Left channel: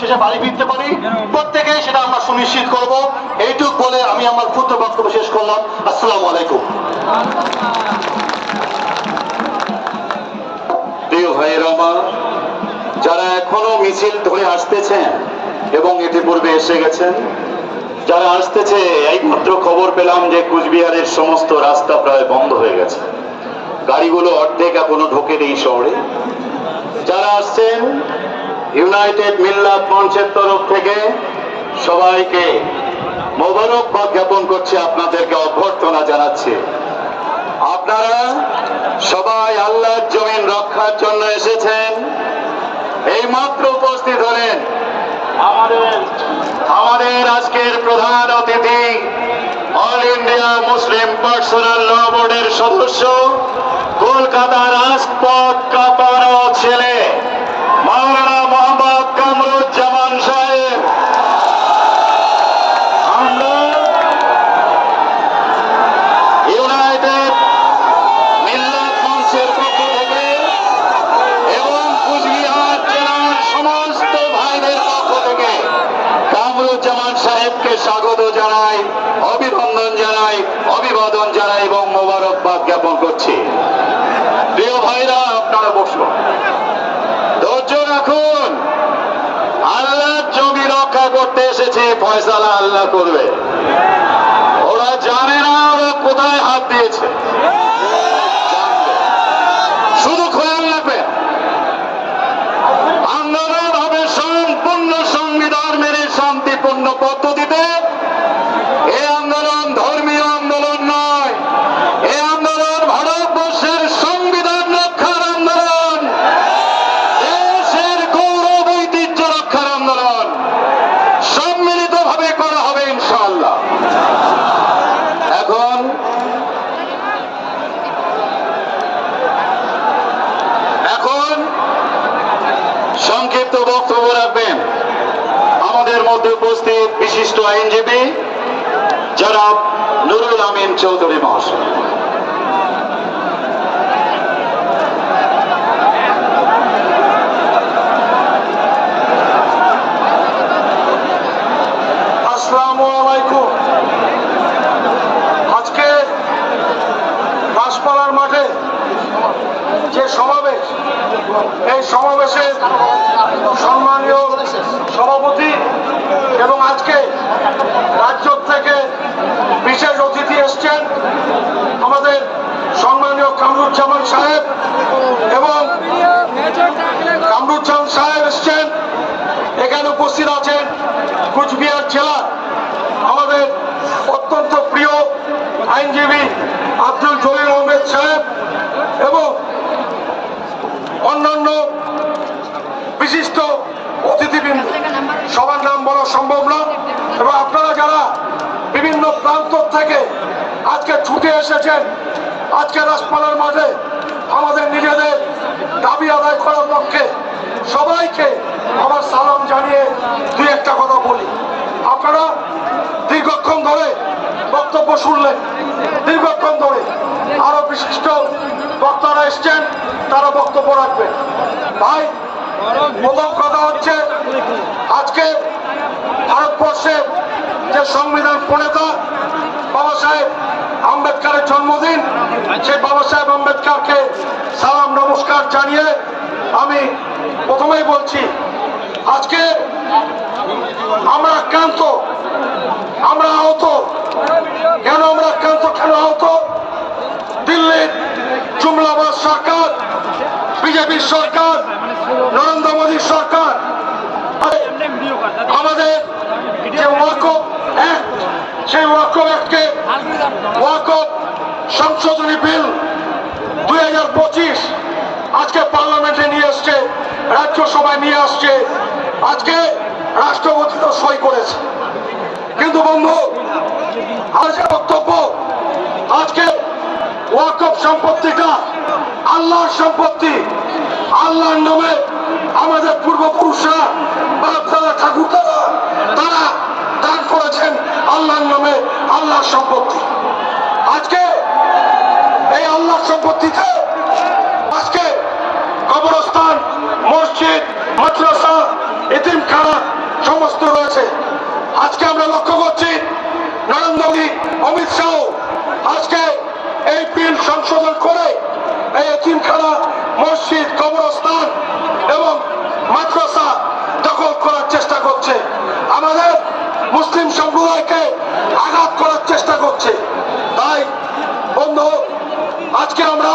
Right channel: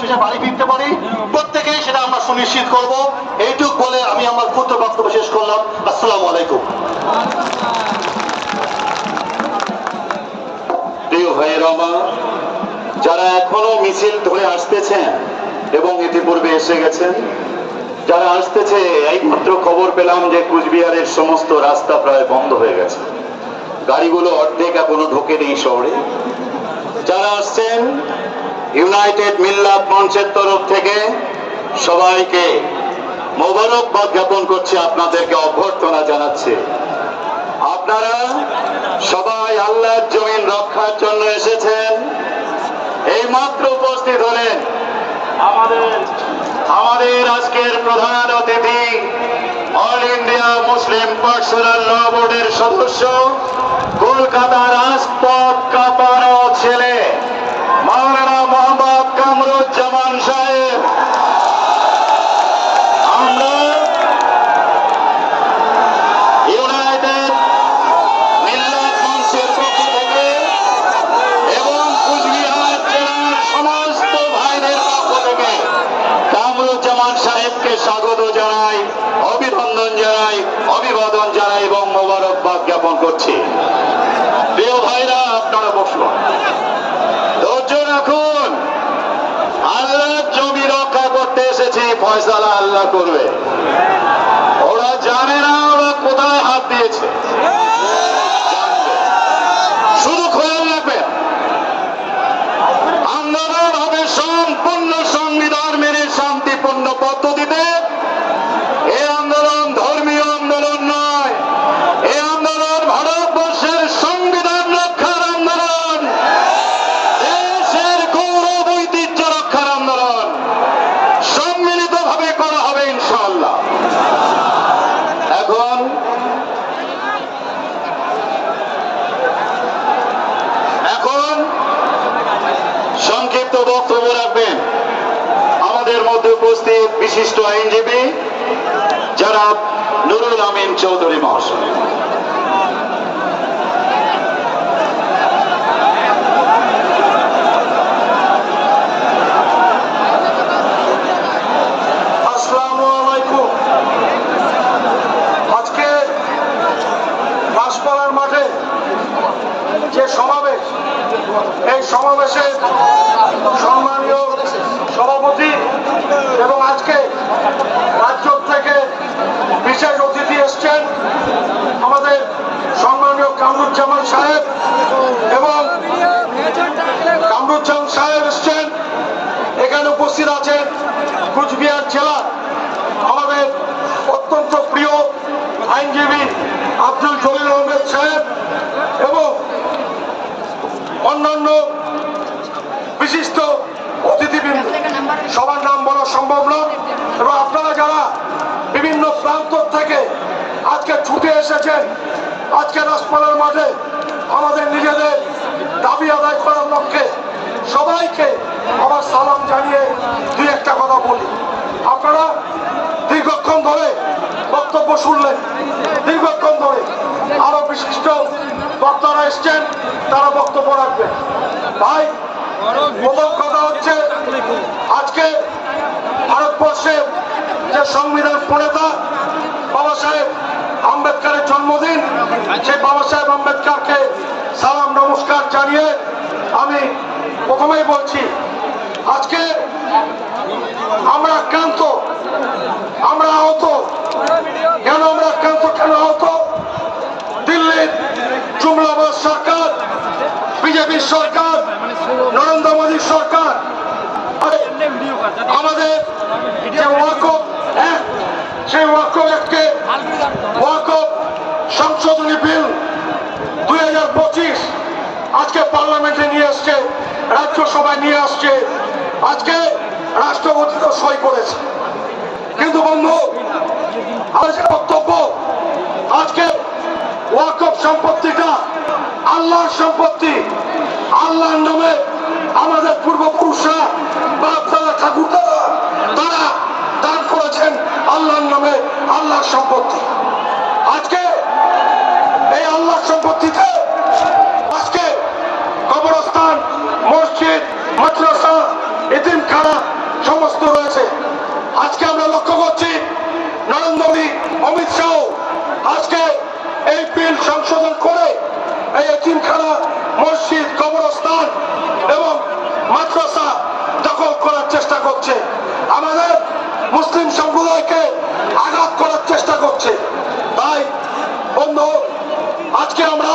শেষে বাড়ি ফিরতে পারি সেটা আমরা সুনিশ্চিত করব। এইটুক বলে আমি আমার ক্ষুদ্র বক্তব্য শেষ করলাম। আসসালামু আলাইকুম। প্রিয় ভাইয়েরা যারা এখনও মিছিল ধরে আসতেছেন এবং ইতিপূর্বে এসে গেছেন, যারা আসতেছে, এই মাত্র খবর পেলাম যে কুচবিহারের সমস্ত রাস্তা প্রায় বন্ধ হয়ে গেছে। গাড়িগুলো অর্ধেক এখনও ঢোকেনি শহরে। যারা আসছেন ইউনাইটেড মিল্লাত মঞ্চের তরফ থেকে সবাইকে মোবারকবাদ জ্ঞাপন করছে, আপনাদেরকে অভ্যর্থনা জানাচ্ছে। আপনারা সবাই আল্লাহর জমিন রক্ষার জন্য এসেছেন। এই মাত্র উপস্থিত হলেন আমাদের আজকের প্রধান অতিথি, All India Muslim personal law বোর্ডের সদস্য, কলকাতার রাজপথ কাপানো ছেলে মাওলানা মোহাম্মদ কামরুজ্জামান সাহেব আমরা ইউনাইটেড মিল্লাত মঞ্চের পক্ষ থেকে এবং কুচবিহার জেলার সমস্ত ভাইদের পক্ষ থেকে কামরুজ্জামান সাহেবকে স্বাগত জানাই, অভিনন্দন জানাই, অভিবাদন জানাই এবং মোবারকবাদ জ্ঞাপন করছি। প্রিয় ভাইরা, আপনারা বসুন। ধৈর্য রাখুন। আল্লাহ জমি রক্ষা করতে এসেছি, ফয়সালা আল্লাহ করবে। ওরা জানে না ওরা কোথায় হাত দিয়েছে জানবে। শুধু খেয়াল রাখবেন আন্দোলন হবে সম্পূর্ণ সংবিধান মেনে শান্তিপূর্ণ পদ্ধতিতে এ আন্দোলন ধর্মীয় আন্দোলন নয়। এ আন্দোলন ভারতবর্ষের সংবিধান রক্ষার আন্দোলন। দেশের গৌরব ঐতিহ্য রক্ষার আন্দোলন। সম্মিলিত ভাবে করা হবে ইনশাআল্লাহ। এখন এখন সংক্ষিপ্ত বক্তব্য রাখবেন। আমাদের মধ্যে উপস্থিত বিশিষ্ট আইনজীবী যারা নুরুল আমিন চৌধুরী মহাশয়। সমাবেশ, এই সমাবেশের সম্মানীয় সভাপতি এবং আজকে রাজ্য থেকে বিশেষ অতিথি এসছেন আমাদের সম্মানীয় কামরুজ্জামান সাহেব এবং কামরুজ্জামান সাহেব এসছেন। এখানে উপস্থিত আছেন কুচবিহার জেলা আমাদের অত্যন্ত প্রিয় আইনজীবী আব্দুল জলিল আহমেদ সাহেব এবং অন্যান্য বিশিষ্ট অতিথিবৃন্দ, সবার নাম বলা সম্ভব নয় এবং আপনারা যারা বিভিন্ন প্রান্ত থেকে আজকে ছুটে এসেছেন, আজকে রাজপালার মাঠে আমাদের নিজেদের দাবি আদায় করার লক্ষ্যে সবাইকে আমার সালাম জানিয়ে দুই একটা কথা বলি। আপনারা দীর্ঘক্ষণ ধরে বক্তব্য শুনলেন। দীর্ঘক্ষণ ধরে আরও বিশিষ্ট বক্তারা এসছেন, তারা বক্তব্য রাখবেন। ভাই প্রথম কথা হচ্ছে, আজকে ভারতবর্ষের যে সংবিধান প্রণেতা বাবা সাহেব আম্বেদকারের জন্মদিন, সেই বাবা সাহেব আম্বেদকারকে সালাম, নমস্কার জানিয়ে আমি প্রথমেই বলছি, আজকে আমরা ক্লান্ত আমরা আহত। কেন আমরা ক্লান্ত কেন আহত দিল্লির জুমলাবাদ সরকার বিজেপির সরকার, নরেন্দ্র মোদীর সরকার, আমাদের যে সেই ওয়াকফ অ্যাক্টকে সংশোধনী বিল দুই হাজার পঁচিশ আজকে পার্লামেন্টে নিয়ে আসছে রাজ্যসভায় নিয়ে আসছে, আজকে রাষ্ট্রপতি তো সই করেছে। কিন্তু বন্ধু যে বক্তব্য, আজকে ওয়াকফ সম্পত্তিটা আল্লাহর সম্পত্তি, আল্লাহর নামে আমাদের পূর্বপুরুষরা বাপ দাদা ঠাকুরদারা তারা দান করেছেন আল্লাহর নামে আল্লাহর সম্পত্তি। আজকে এই আল্লাহর সম্পত্তিতে আজকে কবরস্থান, মসজিদ, মাদ্রাসা, এতিমখানা সমস্ত রয়েছে। আজকে আমরা লক্ষ্য করছি নরেন্দ্র মোদী, অমিত শাহ আজকে এই বিল সংশোধন করে এতিমখানা, মসজিদ, কবরস্থান এবং মাদ্রাসা দখল করার চেষ্টা করছে। আমাদের মুসলিম সম্প্রদায়কে আঘাত করার চেষ্টা করছে। তাই, বন্ধু, আজকে আমরা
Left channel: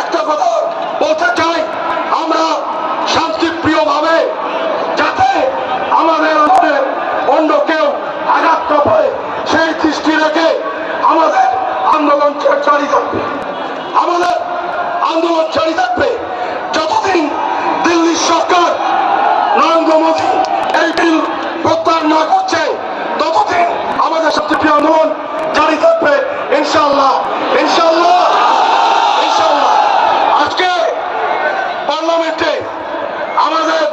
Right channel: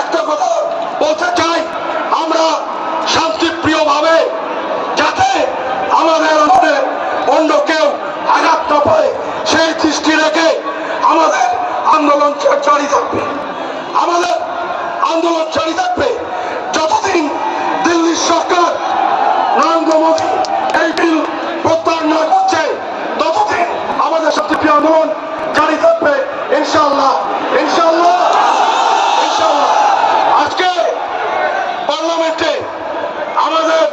একটা কথা বলতে চাই। আমরা শান্তিপ্রিয় ভাবে যাতে আমাদের মধ্যে অন্য কেউ আঘাত না পায় সেই দৃষ্টি রেখে আমাদের আন্দোলন জারি থাকবে আমাদের আন্দোলন জারি থাকবে। যতদিন দিল্লির সরকার নরেন্দ্র মোদী এই বিল প্রত্যাহার না করছে, ততদিন আমাদের শান্তিপ্রিয় আন্দোলন জারি থাকবে। ইনশাল্লাহ ইনশাআল্লাহ আজকে পার্লামেন্টে আমাদের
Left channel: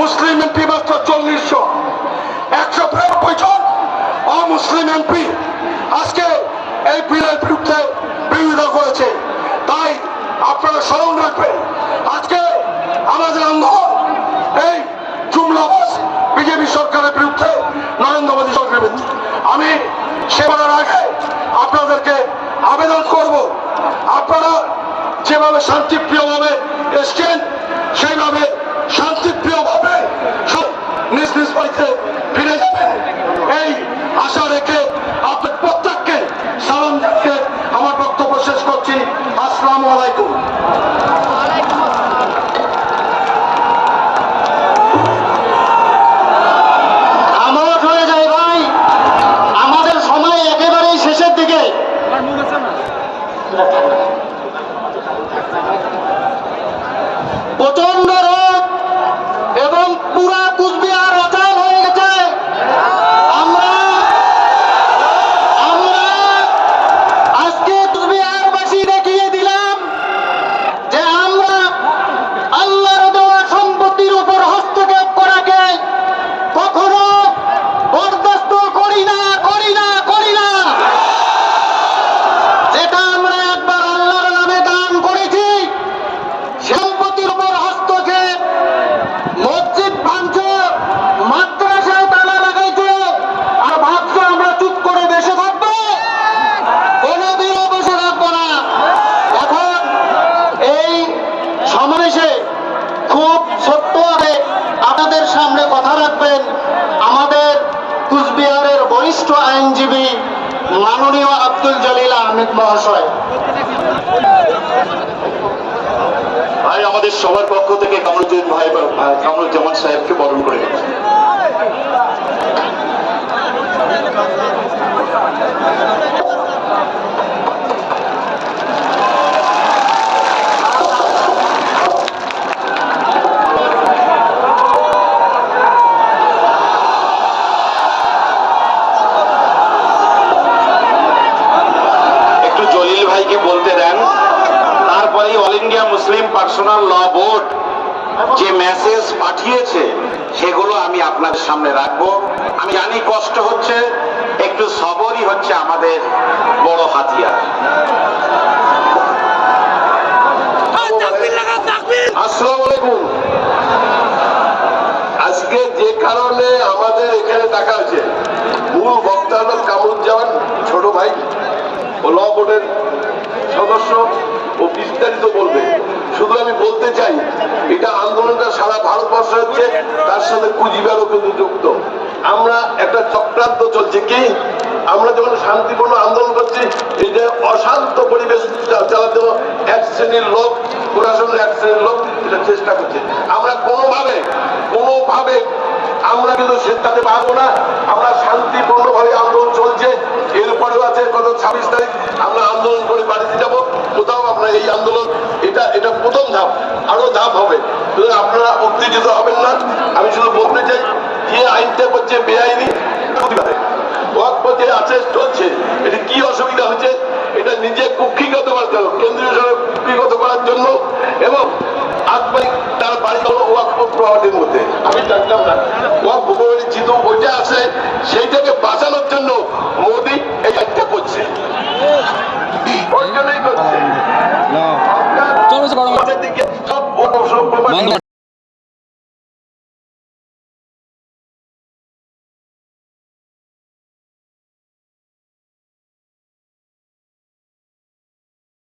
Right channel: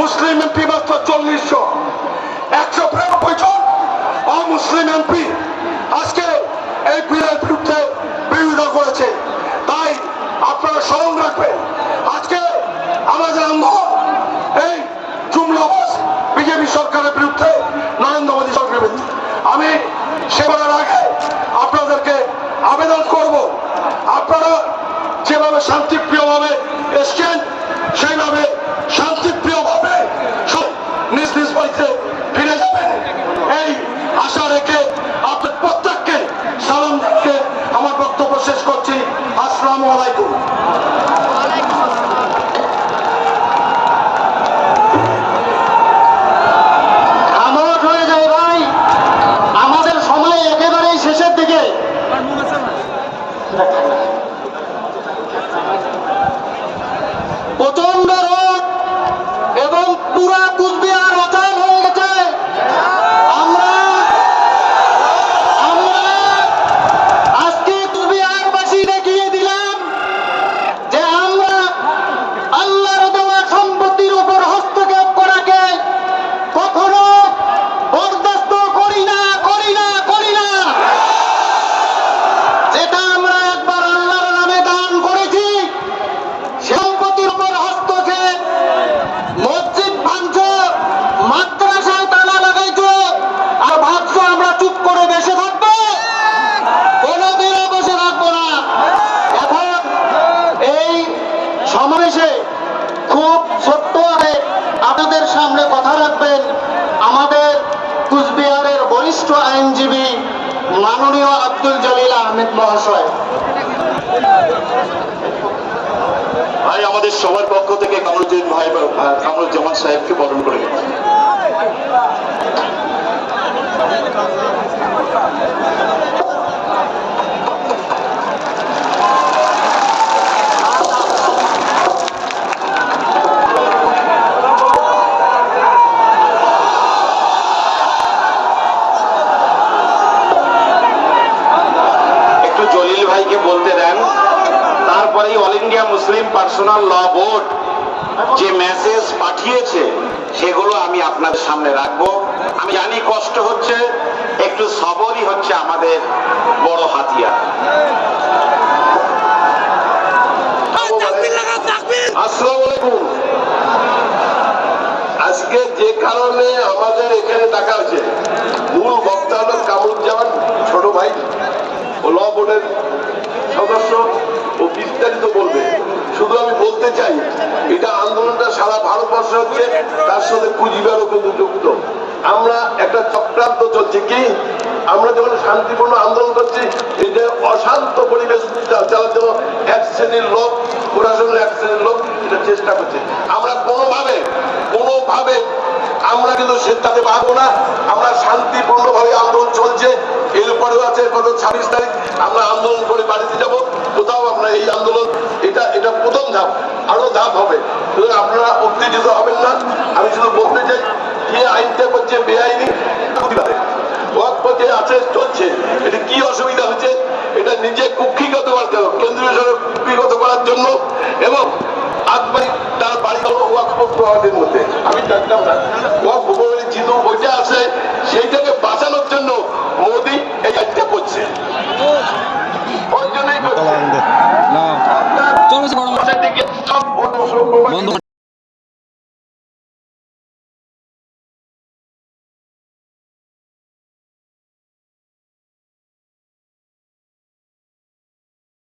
মুসলিম এমপি মাত্র চল্লিশ জন একশো বিরানব্বই জন অমুসলিম এমপি আজকে এই বিলের বিরুদ্ধে বিরোধিতা করেছে তাই আপনারা স্মরণ রাখবেন আজকে আমাদের আন্দোলন এই জুমলাবাস বিজেপি সরকারের বিরুদ্ধে নরেন্দ্র মোদী সরকারের বিরুদ্ধে আমি সে বলার আগে আপনাদেরকে আবেদন করব আপনারা যেভাবে শান্তিপ্রিয়ভাবে এসছেন, সেইভাবে শান্তিপ্রিয়ভাবে নিজ নিজ বাড়িতে ফিরে যাবেন এই আশা রেখে আপনার প্রত্যেককে সালাম জানিয়ে আমার বক্তব্য শেষ করছি। আসসালামু আলাইকুম আমোদ হয়ে যায় ভাই আমাদের সময় একেবারেই শেষের দিকে প্রচণ্ড রোদ এবং পুরা কুচবিহার অচল হয়ে গেছে আমরা আমরা আজকে কুচবিহারবাসী দেখিয়ে দিলাম যে আমরা আল্লাহর দেওয়া সম্পত্তির উপর হস্তক্ষেপ করাকে কখনো বরদাস্ত করি না করি না করি না যেটা আমরা একবার আল্লাহর নামে দান করেছি সম্পত্তির উপর হস্তক্ষেপ মসজিদ ভাঙছে মাদ্রাসায় তালা লাগাইছে আর ভাবছে আমরা চুপ করে বসে থাকব কোনোদিনও বসে থাকব না এখন এই সমাবেশে খুব ছোট্টভাবে আপনাদের সামনে কথা রাখবেন আমাদের কুচবিহারের বরিষ্ঠ আইনজীবী মাননীয় আব্দুল জলিল আহমেদ মহাশয় ভাই আমাদের সবার পক্ষ থেকে কামরুজ্জামান ভাই কামরুজ্জামান সাহেবকে বরণ করে গেছে একটু জলিল ভাইকে বলতে দেন তারপরে All India Muslim personal law board যে মেসেজ পাঠিয়েছে সেগুলো আমি আপনাদের সামনে রাখব। আমি জানি কষ্ট হচ্ছে একটু সবরই হচ্ছে আমাদের বড় হাতিয়ার। আসসালামু আলাইকুম। আজকে যে কারণে আমাদের এখানে ডাকা হয়েছে মূল বক্তা হলো কামরুজ্জামান ছোট ভাই ও ল বোর্ডের সদস্য। বলতে চাই, এটা আন্দোলনটা সারা ভারতবর্ষ হচ্ছে, তার সাথে পুঁজিবারও কিন্তু যুক্ত। আমরা একটা চক্রান্ত চলছে কি, আমরা যখন শান্তিপূর্ণ আন্দোলন করছি, এটা অশান্ত পরিবেশ এক শ্রেণির লোক, প্রশাসনের এক শ্রেণির লোক চেষ্টা করছে। আমরা কোনোভাবে কোনোভাবে আমরা কিন্তু সেটাতে পারব না। আমরা শান্তিপূর্ণভাবে আন্দোলন চলছে। এরপরেও আছে গত ছাব্বিশ তারিখ। আমরা আন্দোলন করে বাড়িতে যাব। কোথাও আপনার এই আন্দোলন, এটা এটা প্রথম ধাপ। আরও ধাপ হবে। আপনারা উত্তেজিত হবেন না। আমি শুধু বলতে চাই যে আইনটা করছে, বেআইনি? যে আছে চলছে। এটা কি অসুবিধা হচ্ছে? এটা নিজে কুক্ষিগত করতে হবে। কেন্দ্রীয় কুক্ষিগত করার জন্য। এবং ওইটা আছে সেইটাকে বাঁচানোর জন্য মোদি এই আইনটা করছে ওই জন্যই করছে সব